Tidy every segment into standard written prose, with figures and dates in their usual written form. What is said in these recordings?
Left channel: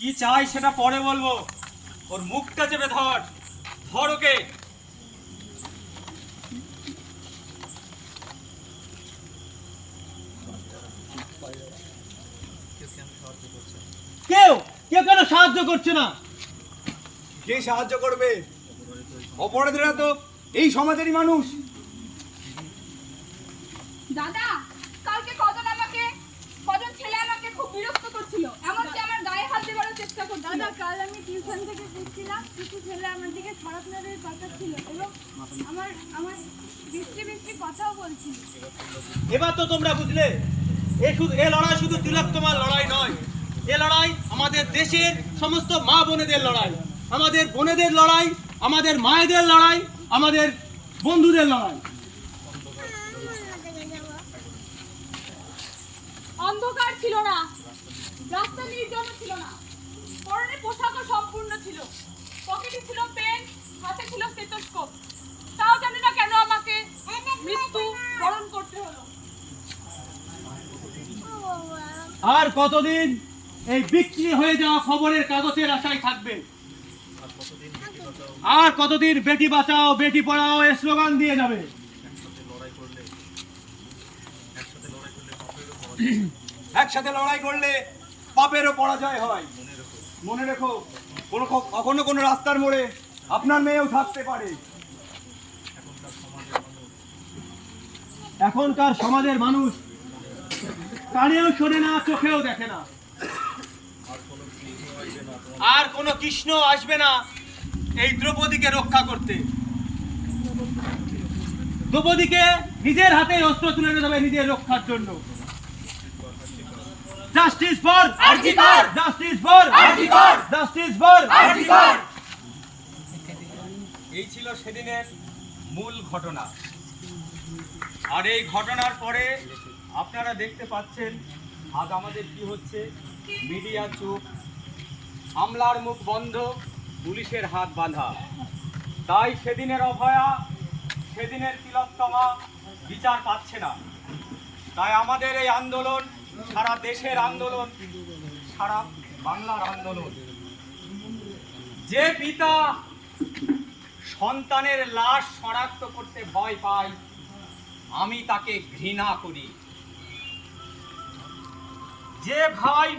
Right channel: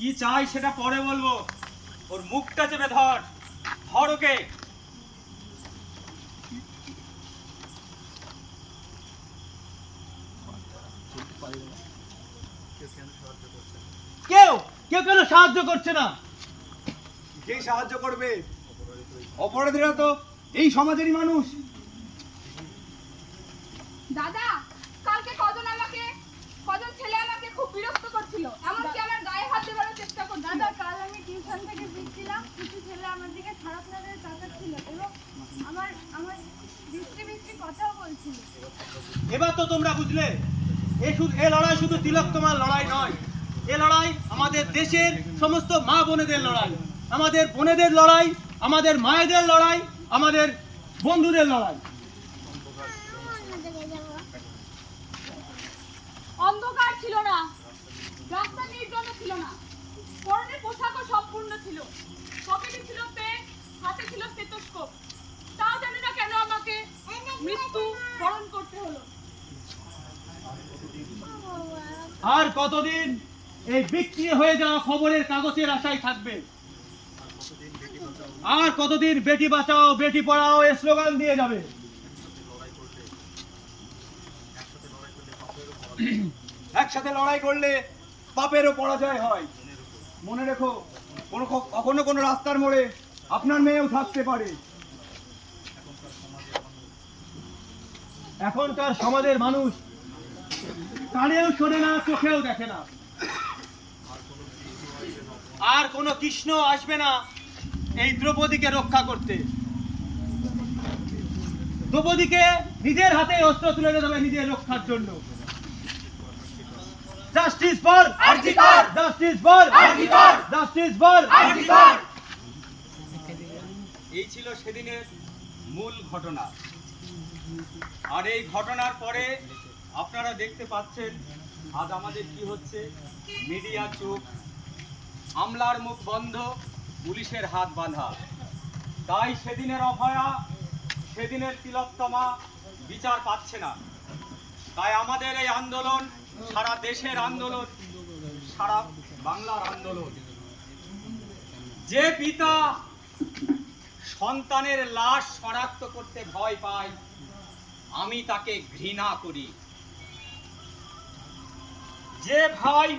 কি চাই সেটা পরে বলবো। ওর মুখটা চেপে ধর, ধর ওকে। কেউ কেউ কেন সাহায্য করছে না? কে সাহায্য করবে? অপরাধীরা তো এই সমাজেরই মানুষ। দাদা, কালকে কজন ছেলে আমাকে খুব বিরক্ত করছিল, এমনকি আমার গায়ে হাত দেওয়ার চেষ্টা করছিল। দাদা, কাল আমি টিউশন থেকে ফিরছিলাম, কিছু ছেলে আমার দিকে খারাপ নজরে তাকাচ্ছিল এবং আমার বিশ্রী কথাও বলছিল। এবার তো তোমরা বুঝলে, এ লড়াই শুধু তিলোত্তমার লড়াই নয়, এ লড়াই আমাদের দেশের সমস্ত মা বোনেদের লড়াই, আমাদের বোনেদের লড়াই, আমাদের মায়েদের লড়াই, আমাদের বন্ধুদের লড়াই। অন্ধকার ছিল না, রাস্তা নির্জন ছিল না, পরনে পোশাকও সম্পূর্ণ ছিল, পকেটে ছিল পেন, হাতে ছিল স্টেথোস্কোপ। তাও জানি না কেন আমাকে মৃত্যু বরণ করতে হলো। আর কতদিন এই বিক্রি হয়ে যাওয়া খবরের কাগজের আশায় থাকবে? আর কতদিন বেটি বাঁচাও বেটি পড়াও এ স্লোগান দিয়ে যাবে? একসাথে লড়াই করলে পাপেরও পরাজয় হয়। মনে রেখো, কখনো কোনো রাস্তার মোড়ে আপনার মেয়েও থাকতে পারে। এখনকার সমাজের মানুষ কানেও শোনে না, চোখেও দেখে না। আর কোনো কৃষ্ণ আসবে না এই দ্রৌপদীকে রক্ষা করতে। দ্রৌপদীকে নিজের হাতে অস্ত্র তুলে দেবে নিজের রক্ষার জন্য। Justice for RG Kar, justice for RG Kar, justice for RG Kar. এই ছিল সেদিনের মূল ঘটনা। আর এই ঘটনার পরে আপনারা দেখতে পাচ্ছেন আজ আমাদের কি হচ্ছে। মিডিয়া চুপ, আমলার মুখ বন্ধ, পুলিশের হাত বাঁধা। তাই সেদিনের অভয়া, সেদিনের তিলোত্তমা বিচার পাচ্ছে না। তাই আমাদের এই আন্দোলন সারা দেশের আন্দোলন, সারা বাংলার আন্দোলন। যে পিতা সন্তানের লাশ শনাক্ত করতে ভয় পায়, আমি তাকে ঘৃণা করি। যে ভাই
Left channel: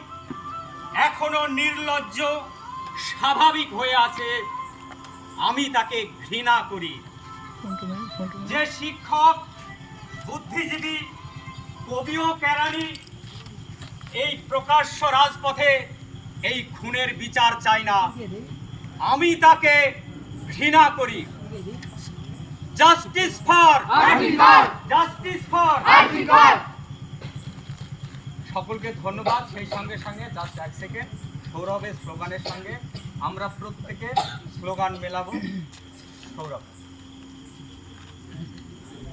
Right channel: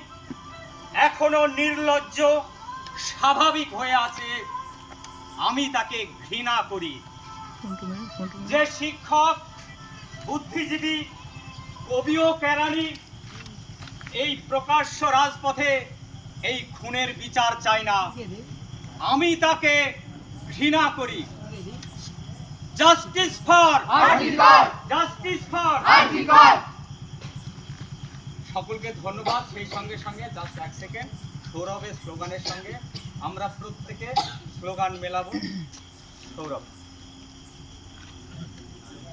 এখনো নির্লজ্জ স্বাভাবিক হয়ে আছে, আমি তাকে ঘৃণা করি। যে শিক্ষক, বুদ্ধিজীবী, কবি ও কেরানি এই প্রকাশ্য রাজপথে এই খুনের বিচার চায় না, আমি তাকে ঘৃণা করি। Justice for RG Kar, justice for RG Kar. সকলকে ধন্যবাদ। সেই সঙ্গে সঙ্গে জাস্ট এক সেকেন্ড, সৌরভের স্লোগানের সঙ্গে আমরা প্রত্যেকে স্লোগান মেলাবো। সৌরভ।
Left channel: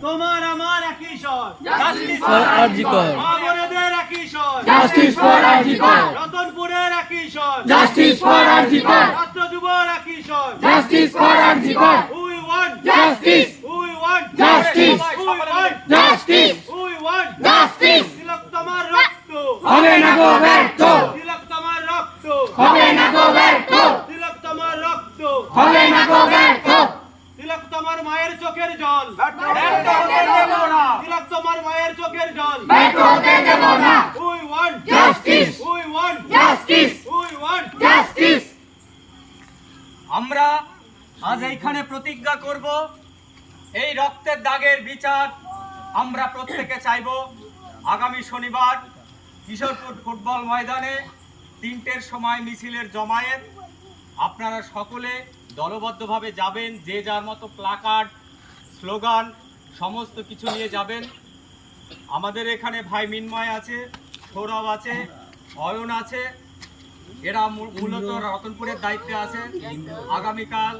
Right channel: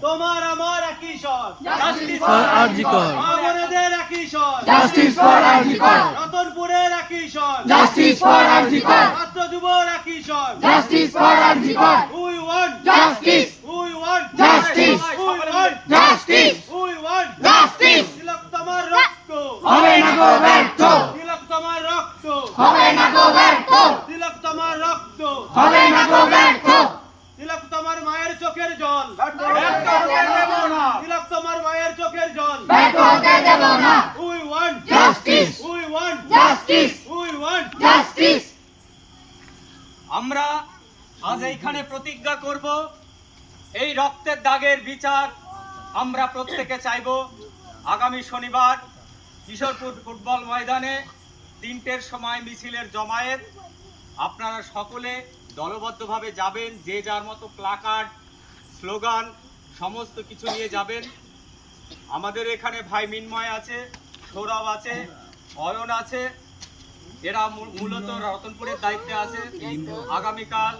তোমার আমার একই স্বর, জাস্টিস ফর আরজিকর, মা বোনেদের একই স্বর, জাস্টিস ফর আরজিকর, রতনপুরের একই স্বর, জাস্টিস ফর আরজিকর, ছাত্র যুবর একই স্বর। Justice for RG Kar, we want justice, we want justice, we want justice, we want justice. তিলোত্তমার রক্ত হবে না গো ব্যর্থ, তিলোত্তমার রক্ত হবে না গো ব্যর্থ, তিলোত্তমার রক্ত হবে না গো ব্যর্থ, তিলোত্তমার মায়ের চোখের জল ব্যর্থ হতে দেব না। তিলোত্তমার মায়ের চোখের জল ব্যর্থ হতে দেব না। We want justice, we want justice, we want justice. আমরা আজ এইখানে প্রতিজ্ঞা করব, এই রক্তের দাগের বিচার আমরা প্রত্যেকে চাইব। আগামী শনিবার কিশোরপুর ফুটবল ময়দানে 3টের সময় মিছিলের জমায়েত। আপনারা সকলে দলবদ্ধভাবে যাবেন, যে যার মতো প্লাকার্ড, স্লোগান সমস্ত কিছু নিয়ে যাবেন। আমাদের এখানে ভাই মিন্ময় আছে, সৌরভ আছে, অয়ন আছে, এরা মূলত রতনপুরের দায়িত্বে আছে। আগামীকাল